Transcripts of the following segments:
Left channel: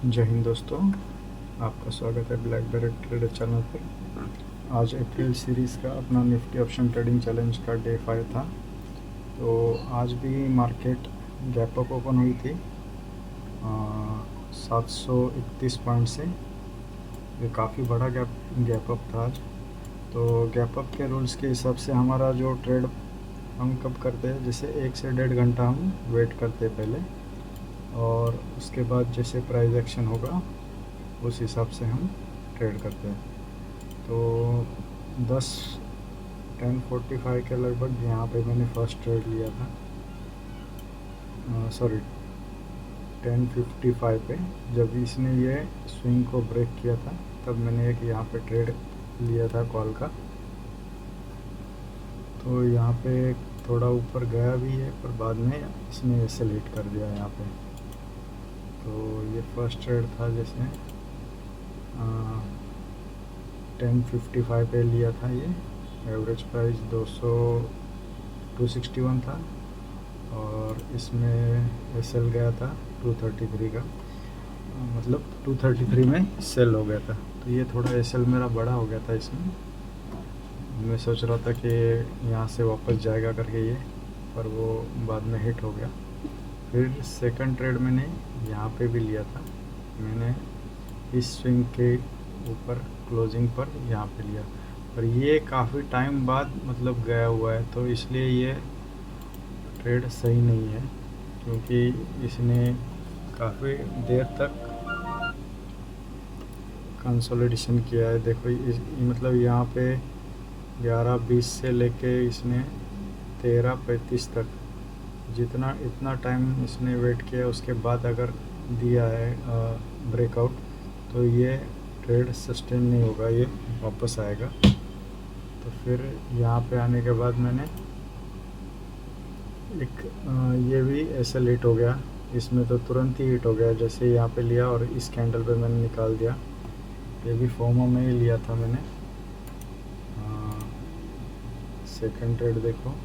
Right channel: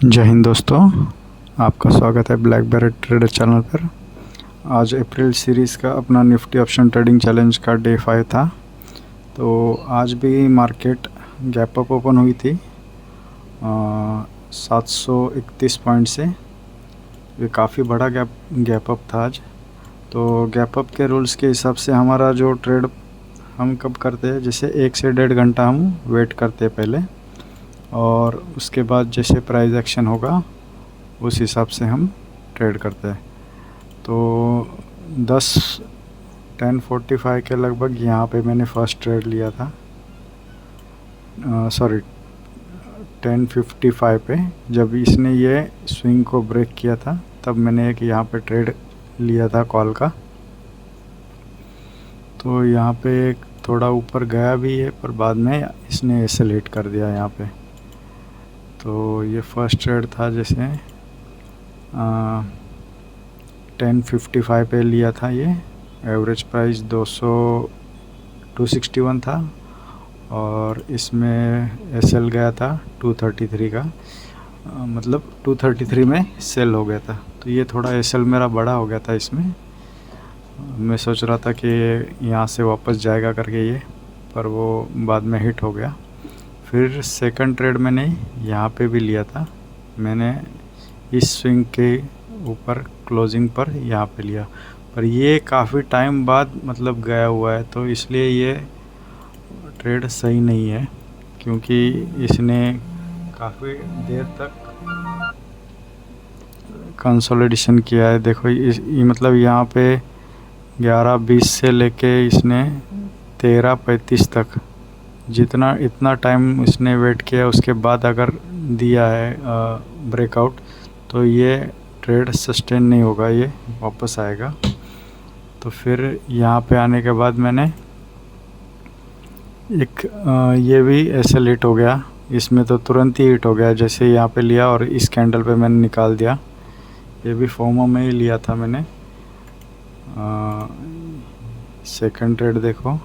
जय हिंद दोस्तों, आपका स्वागत है ब्लैक बैरेट ट्रेडर चैनल पर। आज अप्रैल सीरीज़ का अपना निफ्टी ऑप्शन ट्रेडिंग चैलेंज का डे 5 था। तो आज भी मार्केट गैप अप ओपन हुई थी 731 पॉइंट से। ये काफ़ी बड़ा गैप अप था आज। तो गैप अप के रूल्स के हिसाब से हमारा जो ट्रेड हम कब करते हैं, जैसे 1 से 1.5 घंटा हम वेट करते हैं पहले, और उसके बाद जैसे प्राइस एक्शन होगा उस हिसाब से हम ट्रेड करते हैं। तो 10:45 के लगभग यहाँ पे मैंने फ़र्स्ट ट्रेड लिया था, सॉरी 10:55 पे। जब इसने ये स्विंग को ब्रेक किया था तब मैंने एक यहाँ पे ट्रेड लिया था कॉल का। तो यहाँ पे थोड़ा ऊपर गया भी है, पर बाद में इसने एक्सेलेरेट कर दिया यहाँ पे। तो ये फर्स्ट ट्रेड था, जैसे 10:55 पे लिया था। ये एवरेज प्राइस 261 था और इसमें एसएल गया था 233 का, मतलब 233 में सेल हो गया था। तो ये थोड़ा एसएल मेरा बड़ा हो गया था इसमें। मैं सोच रहा था कि यहाँ से वापस जाएगा करके ये, पर वो बाद में हिट हो गया। फिर सेकंड ट्रेड मैंने यहाँ पे भी लिया था, मैंने इस स्विंग के ऊपर क्लोजिंग पर यहाँ पे लिया, पर ये काफ़ी टाइम बाद मतलब गया हुआ है, तो इसलिए ये ट्रेड सही नहीं है, क्योंकि इसने काफ़ी देर तक कंसोलिडेशन किया है। देखो ये मतलब यहाँ पे 11:20 से लेके इसने 13:35 तक इतना टाइम इसने वेट किया, उसके बाद अगर दिया है ब्रेकआउट, तो ये ट्रेड सस्टेन नहीं होगा, ये वापस आएगा। तो फिर यहाँ पे आने के बाद मैंने एक ये भी ऐसे लेट हो गया, इसमें तो तुरंत ही हिट हो गया जैसे यहाँ पे लिया, और इस कैंडल पे मैंने निकाल दिया। ये भी फोमो में ही लिया था मैंने। सेकंड ट्रेड देखो,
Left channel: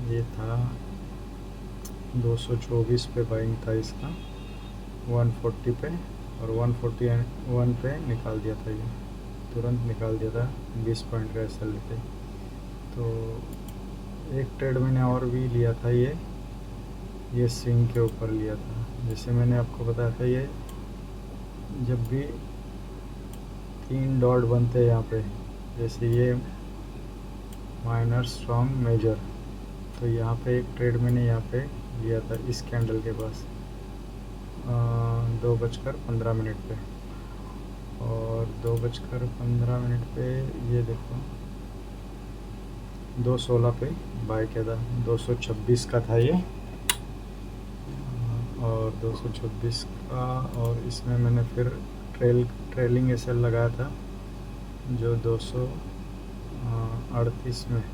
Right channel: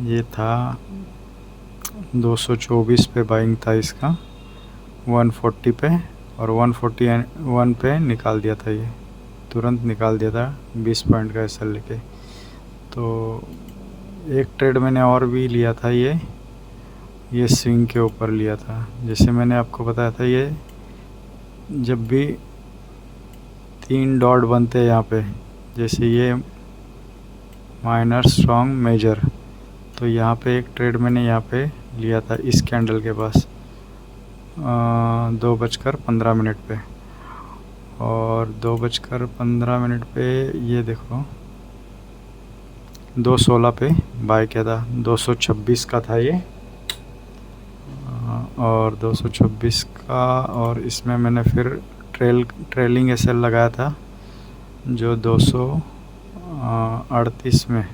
ये था 224 पे बाइंग था इसका, 140 पे, और 141 पे निकाल दिया था। ये तुरंत निकाल दिया था 20 पॉइंट का एसएल लेके। तो एक ट्रेड मैंने और भी लिया था, ये स्विंग के ऊपर लिया था। जैसे मैंने आपको बताया था, ये जब भी 3 डॉट बनते हैं यहाँ पे, जैसे ये माइनर स्ट्रॉन्ग मेजर, तो यहाँ पे एक ट्रेड मैंने यहाँ पे लिया था इस कैंडल के पास 2:15 पे, और 2:15 पे ये देखो 2:16 पे बाय किया था। 226 का था ये, और 226 का, और इसमें मैंने फिर ट्रेलिंग एसएल लगाया था जो 238 में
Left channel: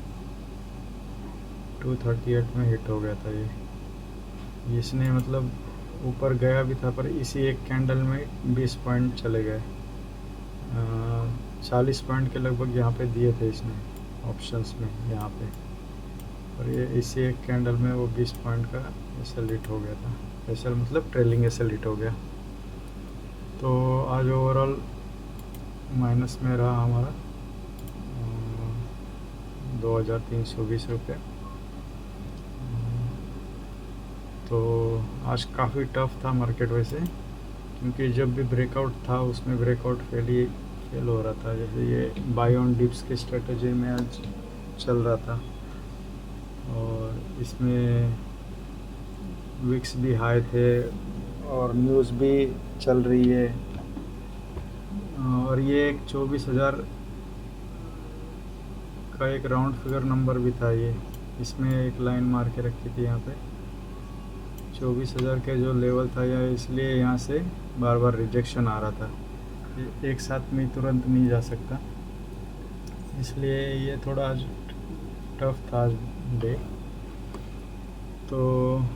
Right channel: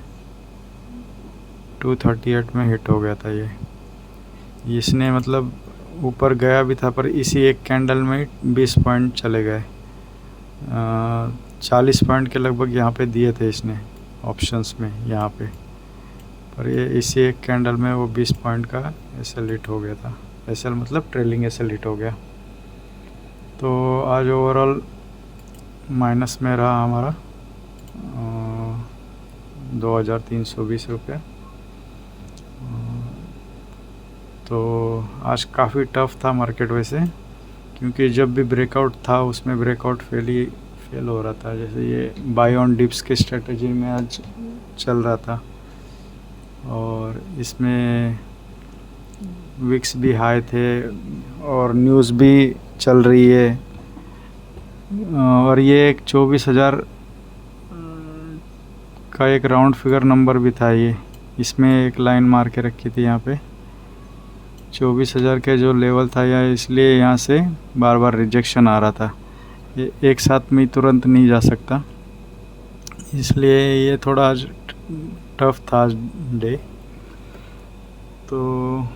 238 में हिट हो गया था। ये इसने मतलब ऊपर गया भी था, पर इसी एक कैंडल में 20 पॉइंट चले गए। 40 पॉइंट के लगभग यहाँ पे दिए थे इसने ऑप्शंस में यहाँ पे, पर ये इसी एक कैंडल में वो 20 पॉइंट का एसएल हिट हो गया था। एसएल मतलब ट्रेलिंग एसएल हिट हो गया। तो आज ओवरऑल माइनस में रहा हमारा 2,320 रुपये। तो आज काफ़ी टफ़ था मार्केट वैसे, क्योंकि जब भी ब्रेकआउट था उसमें ब्रेकआउट फेल हो रहा था। जैसे ये बाय ऑन डिप्स की स्ट्रेटजी में आज चल रहा था, और इसमें विक्स भी हाई थे और न्यूज़ भी चल रही है, और ये एक 24,000 का एक राउंड फिगर नंबर भी था। ये इसमें एक लाइन मार के रखी थी यहाँ पे 24,000 के जो लेवल था, या इसलिए यहाँ से बार बार रिजेक्शन आ रहा था। ये एक साथ में तुरंत नहीं जा सकता, इसलिए ये थोड़ा आज टफ था आज डे। तो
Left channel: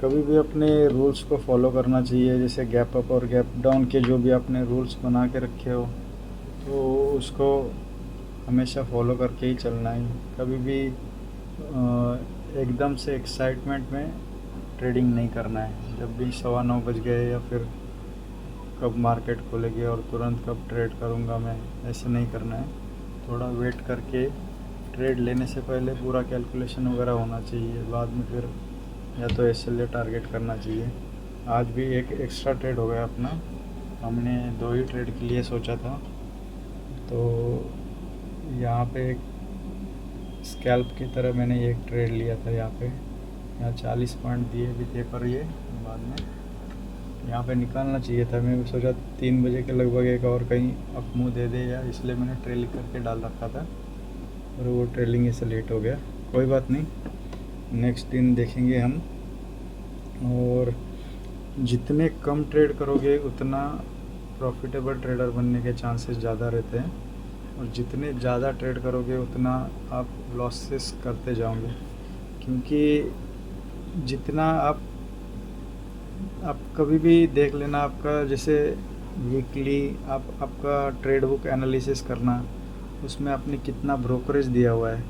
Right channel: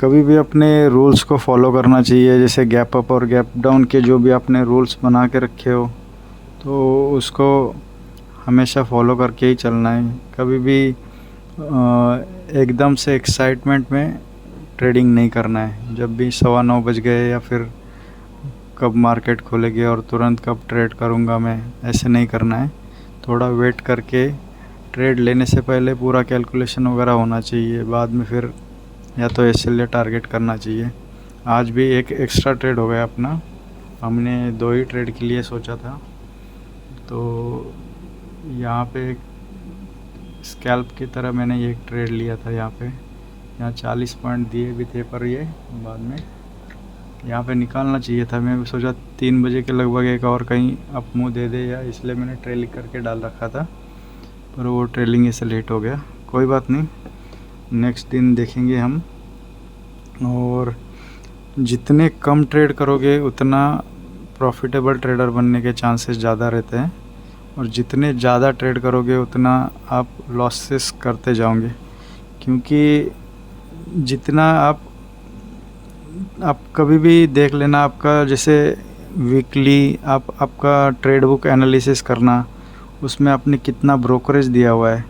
कभी भी अपने रूल्स को फॉलो करना चाहिए, जैसे गैप अप और गैप डाउन के जो भी आपने रूल्स बना के रखे हो, तो उसको हमेशा फॉलो करके ही चलना है। कभी भी एकदम से एक्साइटमेंट में ट्रेडिंग नहीं करना है। जब भी 9:15 बज गए या फिर कब मार्केट खोलेगी और तुरंत कब ट्रेड करूँगा मैं, ऐसे नहीं करना है। थोड़ा वेट करके ट्रेड लेने से पहले पूरा कैलकुलेशन वगैरह होना चाहिए, बाद में फिर या तो एसएल या टारगेट करना चाहिए। आज भी एक एक्स्ट्रा ट्रेड हो गया अपना, हमने 2 ही ट्रेड के लिए सोचा था। तो यहाँ पे स्कैल्प की तरह मैंने एक ट्रेड लिया था। यहाँ 40 पॉइंट दिए भी थे, पर ये बाद में यहाँ पे निकालना चाहिए था। मैं सोचा 3 बजे के लगभग एक और कहीं अप मुँह दे दे, या इसलिए मैंने ट्रेलिंग करके डाल रखा था, पर वो ट्रेलिंग इससे लेट हो गया। कोई बात नहीं, नेक्स्ट दिन देखेंगे हम। और जितने कम ट्रेड करोगे उतना प्रॉफिटेबल ट्रेडर बनने के चांसेस ज़्यादा रहते हैं, और जितने ज़्यादा ट्रेड करोगे उतना आप लॉसेस करते जाओगे। क्योंकि जितना आप कभी भी देख लेना, आपका जैसे वीकली आपका ट्रेड बुक एनालिसिस करना, उसमें आपने कितना ब्रोकरेज दिया हुआ है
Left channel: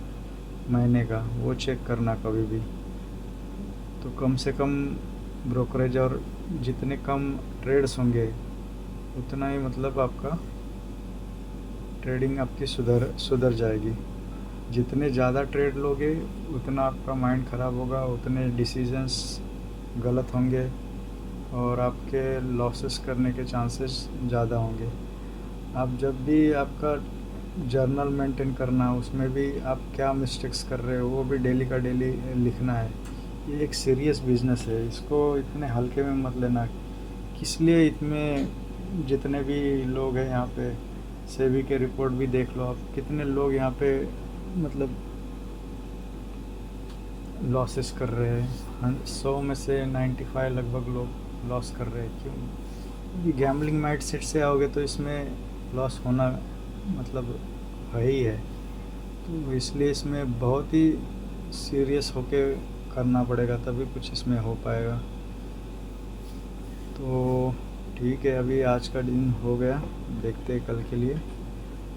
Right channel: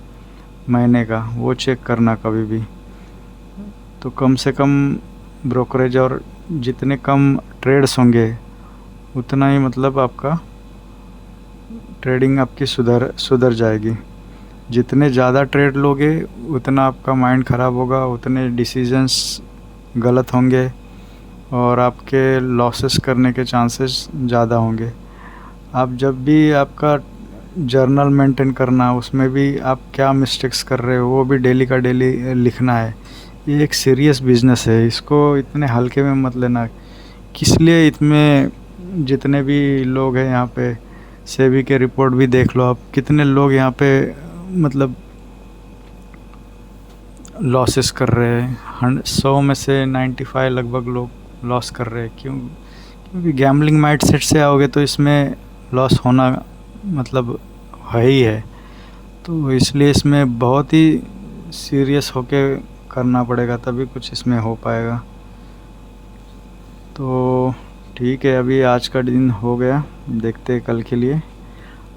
महीने का, वो चेक करना कभी भी। तो कम से कम ब्रोकरेज और जितने कम ट्रेड्स होंगे उतना ही मतलब आपका ट्रेडिंग आपकी सुधर जाएगी। जितने ज़्यादा ट्रेड लोगे उतना आपका माइंड ख़राब होगा, उतने डिसीजंस गलत होंगे और आपके लॉसेस करने के चांसेस ज़्यादा होंगे। आप जब भी आपका जर्नल मेंटेन करना, उसमें भी आप क्या मिस्टेक्स कर रहे हो वो भी डेली का डेली लिखना है। ये एक सीरियस बिजनेस है, इसको इतने हल्के में मत लेना। किस लिए इतने जितने भी लोग हैं यहाँ पे, सेबी के रिपोर्ट भी देख लो आप, कितने लोग यहाँ पे मतलब लॉसेस कर रहे हैं। 100 में से 95 लगभग लोग लॉस कर रहे हैं। क्योंकि गैम्बलिंग माइंडसेट से आओगे तो इसमें लॉस होना मतलब है ही है। तो इसलिए इसमें बहुत ही सीरियस होके करना पड़ेगा, तभी कुछ इसमें हो पाएगा। तो ठीक है, अभी आज का दिन हो गया, देखते हैं कल के लिए।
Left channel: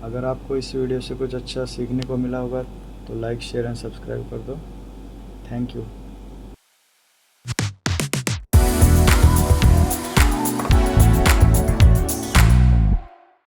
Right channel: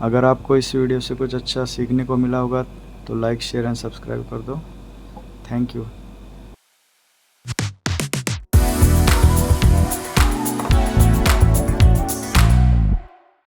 अगर आपको इस वीडियो से कुछ अच्छा सीखने को मिला होगा तो लाइक, शेयर एंड सब्सक्राइब कर दो। Thank you.